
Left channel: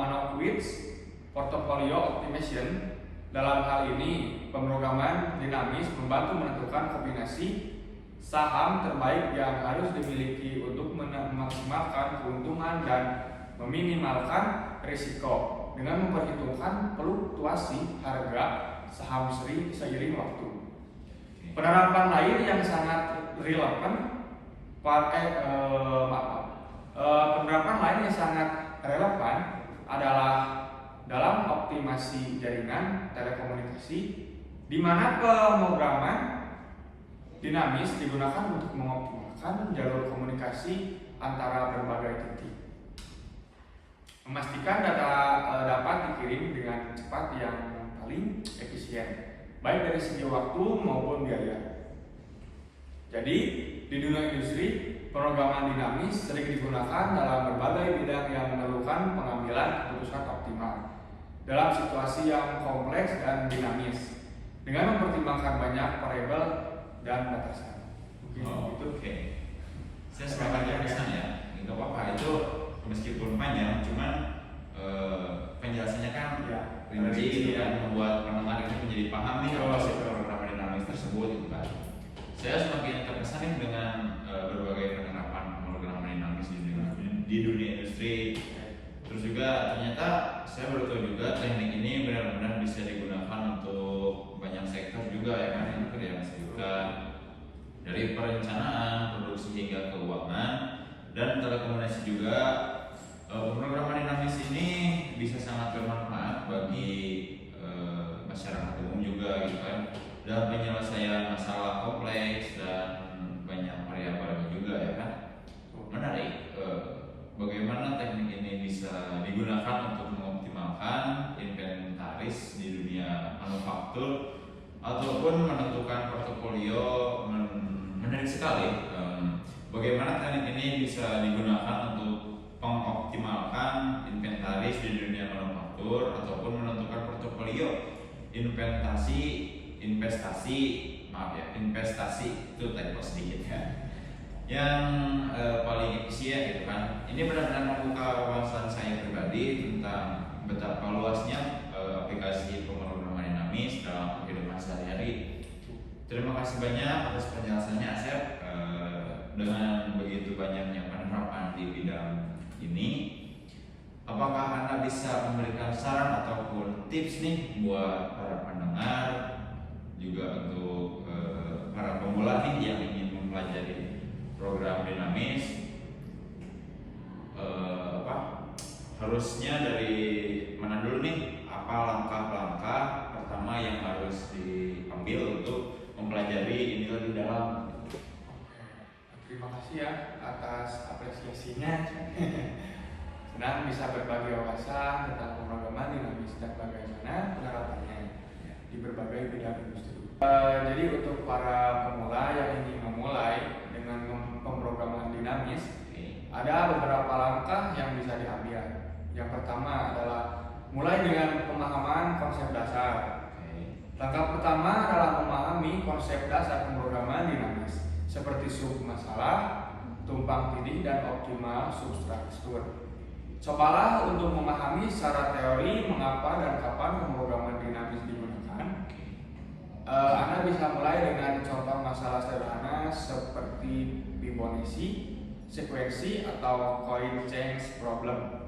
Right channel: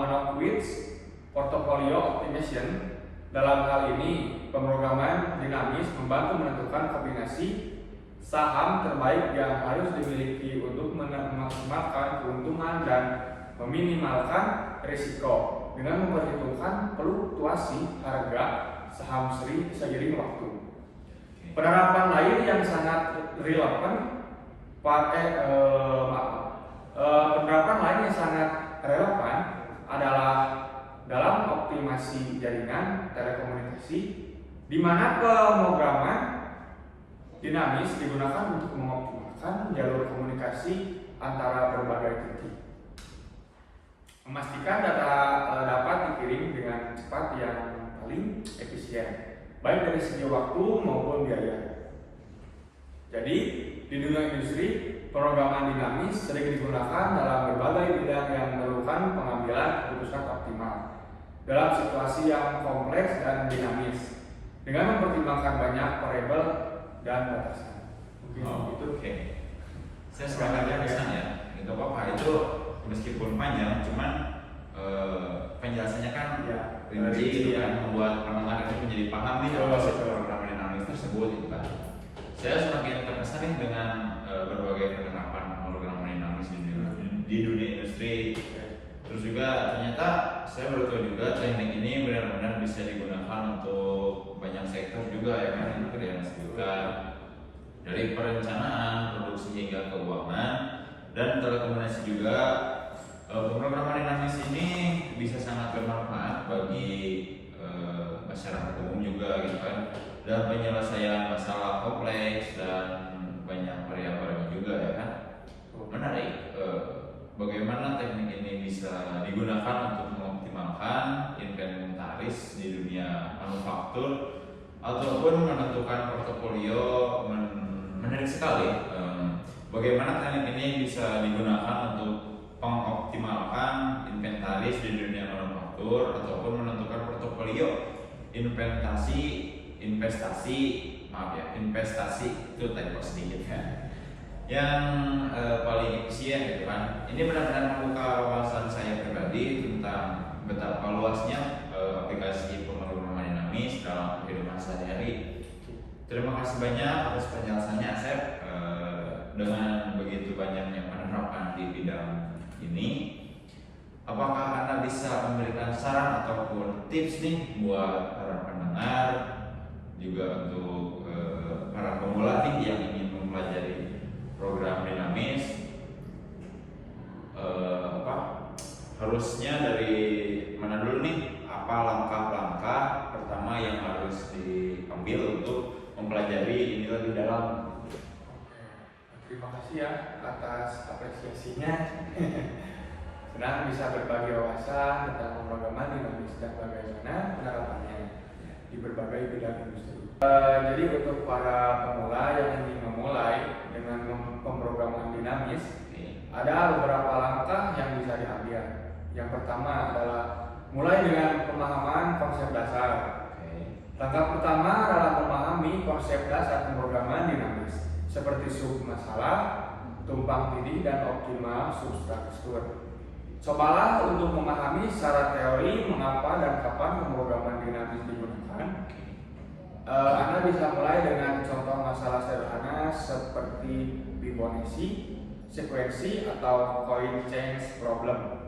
Manowitz portfolio optimization. Dalam hal ini, pemrograman dinamis membantu menentukan kombinasi saham terbaik yang harus dimiliki untuk memaksimalkan keuntungan dan meminimalkan risiko dengan memperhitungkan fluktuasi harga saham seiring waktu. Penerapan lain yang sangat relevan penerapan lain yang sangat relevan adalah dalam optimasi jaringan telekomunikasi, di mana pemrograman dinamis digunakan untuk mengoptimalkan jalur komunikasi antara berbagai titik, memastikan data dapat dikirim dengan cepat yang paling efisien, baik dari segi waktu maupun biaya. Jadi, di dunia industri, pemrograman dinamis sering digunakan dalam berbagai bidang yang memerlukan pengambilan keputusan optimal dalam situasi yang kompleks dan dinamis, dengan mempertimbangkan banyak variabel dan batasan. Oke. Saya sepakat ya misalnya, nggak apa-apa itu meskipun panjang, cuman penjelasannya kan rinci gitu kan, membuat pendengar itu menjadi paham nih apa sih program dinamis tersebut gitu kan. Saya semakin terkesan nih dengan berbagai penerapan program dinamis di dunia industri. Terus juga ternyata saya baru tahu juga teknik ini benar-benar bisa digunakan untuk banyak sektor juga ya kan, yang tadi Anda sebutkan, dari perencanaan, produksi hingga keuangan dan telekomunikasi juga. Pemrograman dinamis ini bisa sangat bermanfaat bagi masyarakat umum juga gitu kan, dalam penyelesaian masalah kompleks dan banyak variabelnya juga ya kan. Menarik, bagaimana teknik ini bisa digunakan untuk mengoptimalkan inventaris di dunia manufaktur ataupun menentukan portofolio. Menarik sekali, bagaimana teknik ini bisa digunakan untuk mengoptimalkan inventaris di dunia manufaktur ataupun menentukan portofolio investasi itu tadi sedikit kan, yang paling efisien gitu kan. Ini benar-benar membuka wawasan saya pribadi tentang betapa luasnya aplikasi pemrograman dinamis dalam kehidupan sehari-hari. Terima kasih banyak atas penjelasannya, Asep. Dengan begitu banyaknya penerapan di bidang ini, apakah Anda bisa memberikan saran ataupun tips nih buat para pendengar, juga untuk para pemula nih yang ingin mempelajari program dinamis, harusnya dari mana dulu nih? Apa langkah-langkah pertama yang harus diambil untuk mempelajari ini lebih dalam? Terima kasih ya atas apresiasinya. Senang bisa berbagi wawasan tentang pemrograman dinamis dan bagaimana penerapannya di berbagai bidang industri. Jadi untuk para pemula yang ingin memulai dengan pemrograman dinamis, ada beberapa langkah yang bisa diambil. Yang pertama adalah mulai dengan pemahaman konsep dasar. Langkah pertama adalah memahami konsep dasar pemrograman dinamis seperti sub masalah, tumpang tindih, dan optimal substruktur. Cobalah untuk memahami secara teori mengapa dan kapan pemrograman dinamis digunakan. Anda bisa mulai dengan contoh masalah sederhana seperti Fibonacci, sekuensi, atau coin change problem.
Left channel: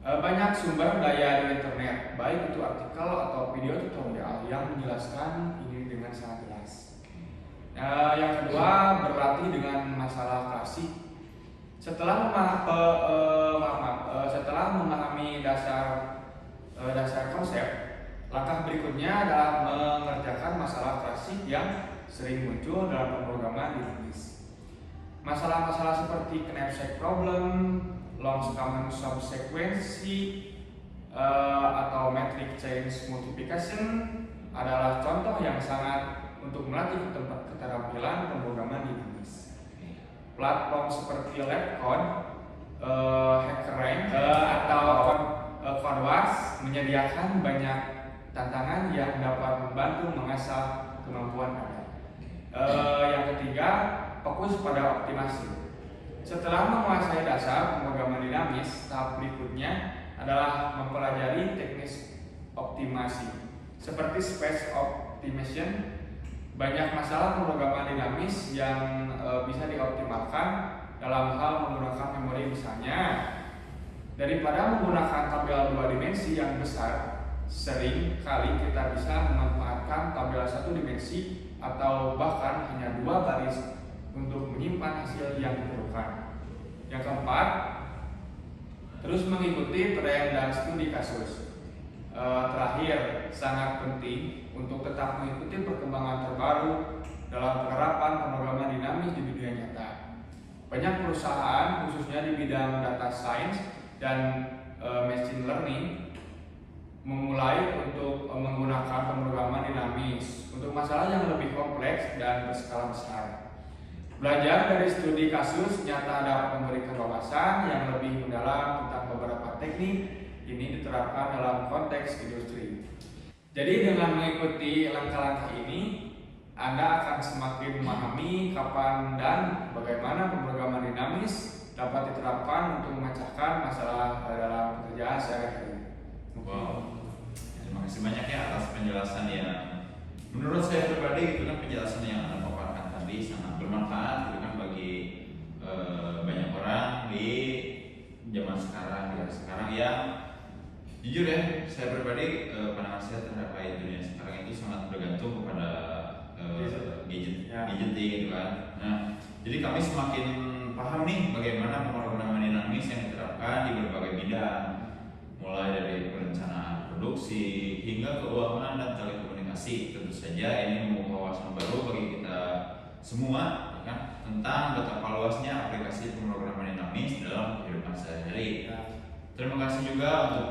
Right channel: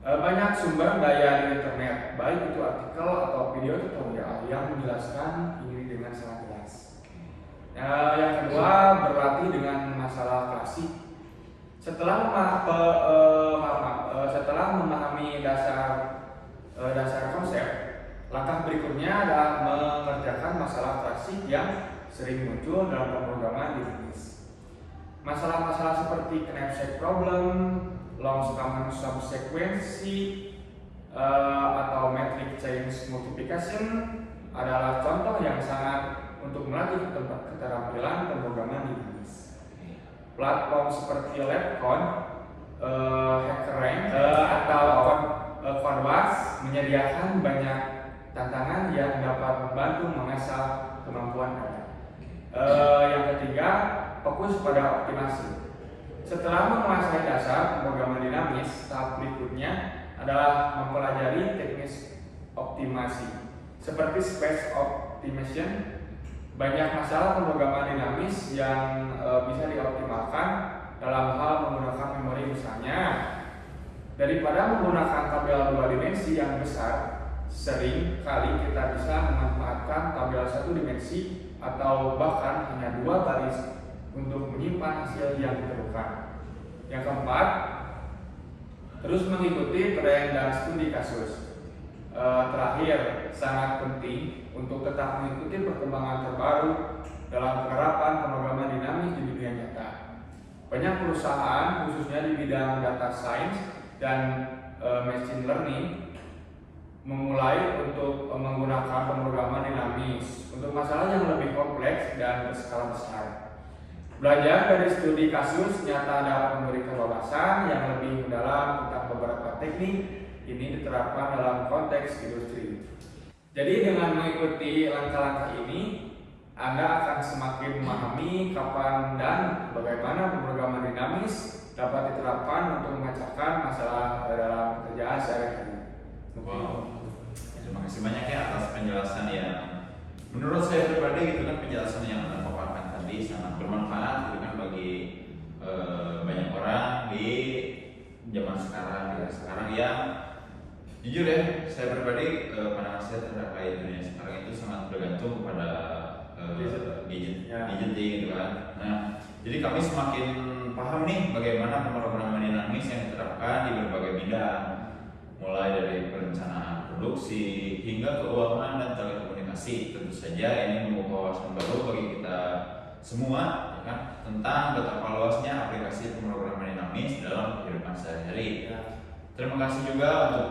Banyak sumber daya di internet, baik itu artikel atau video tutorial yang menjelaskan ini dengan sangat jelas. Yang kedua, berlatih dengan masalah klasik. Setelah memahami dasar konsep, langkah berikutnya adalah mengerjakan masalah klasik yang sering muncul dalam pemrograman dinamis. Masalah-masalah seperti knapsack problem, long common subsequency, atau matrix change multiplication adalah contoh yang sangat untuk melatih keterampilan pemrograman dinamis. Platform seperti LabCon, HackerRank, atau Canvas menyediakan banyak tantangan yang dapat membantu mengasah kemampuan Anda. Yang ketiga, fokus pada optimasi. Setelah menguasai dasar pemrograman dinamis, tahap berikutnya adalah mempelajari teknis optimasi seperti space optimization. Banyak masalah pemrograman dinamis yang bisa dioptimalkan dalam hal menggunakan memori. Misalnya, daripada menggunakan tabel 2 dimensi yang besar, sering kali kita bisa memanfaatkan tabel 1 dimensi atau bahkan hanya 2 baris untuk menyimpan hasil yang diperlukan. Yang keempat, terus mengikuti tren dan studi kasus. Terakhir, sangat penting untuk tetap mengikuti perkembangan terbaru dalam penerapan pemrograman dinamis di dunia nyata. Banyak perusahaan, khususnya di bidang data science dan machine learning, memulai untuk menggunakan pemrograman dinamis untuk masalah yang lebih kompleks dan berskala besar. Belajar dari studi kasus nyata dapat memberikan wawasan yang lebih mendalam tentang beberapa teknik ini diterapkan dalam konteks industri. Jadi dengan mengikuti langkah-langkah ini, Anda akan semakin memahami kapan dan bagaimana pemrograman dinamis dapat diterapkan untuk memecahkan masalah dalam pekerjaan sehari-hari. Wow, terima kasih banyak ya atas penjelasan yang menurut saya pribadi itu kan penjelasan yang Anda paparkan tadi sangat bermanfaat gitu kan bagi banyak orang di zaman sekarang yang jujur ya, saya pribadi pandangan saya terkait dunia sekarang itu sangat bergantung kepada gadget gitu kan. Nah, jadi kami semakin paham nih bagaimana pemrograman dinamis yang diterapkan di berbagai bidang, mulai dari perencanaan produksi hingga keuangan dan telekomunikasi. Tentu saja ini membuka wawasan baru bagi kita semua, ya kan, tentang betapa luasnya aplikasi pemrograman dinamis dalam kehidupan sehari-hari. Terima kasih juga untuk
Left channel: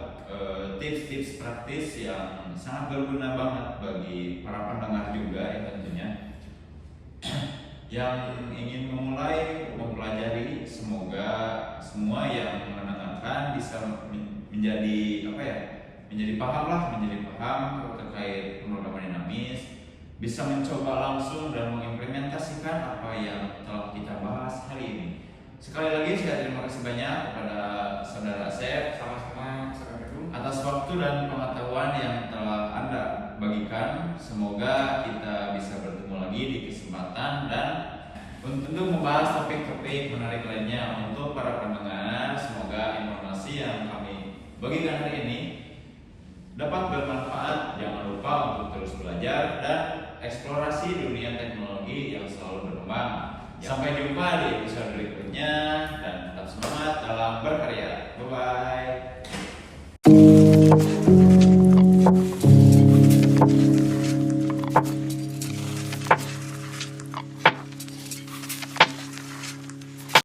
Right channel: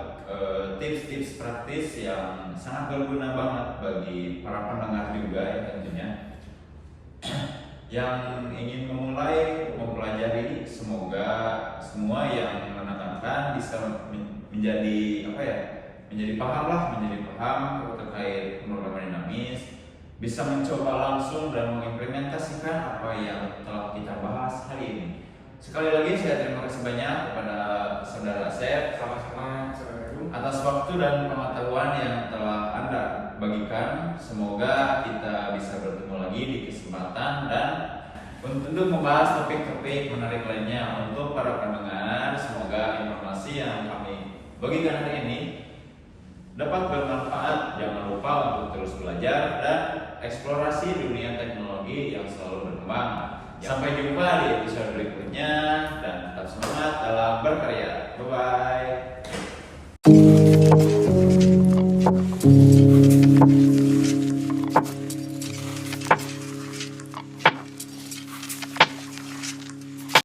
tips-tips praktis yang sangat berguna banget bagi para pendengar juga ya tentunya yang ingin memulai mempelajari. Semoga semua yang mendengarkan bisa menjadi menjadi paham terkait pemrograman dinamis, bisa mencoba langsung dan mengimplementasikan apa yang telah kita bahas hari ini. Sekali lagi saya terima kasih banyak kepada Saudara Asep atas waktu dan pengetahuan yang telah Anda bagikan. Semoga kita bisa bertemu lagi di kesempatan dan untuk membahas topik-topik menarik lainnya. Untuk para pendengar, semoga informasi yang kami bagikan hari ini dapat bermanfaat. Jangan lupa untuk terus belajar dan eksplorasi dunia teknologi yang selalu berkembang. Sampai jumpa di episode berikutnya dan tetap semangat dalam berkarya. Bye bye.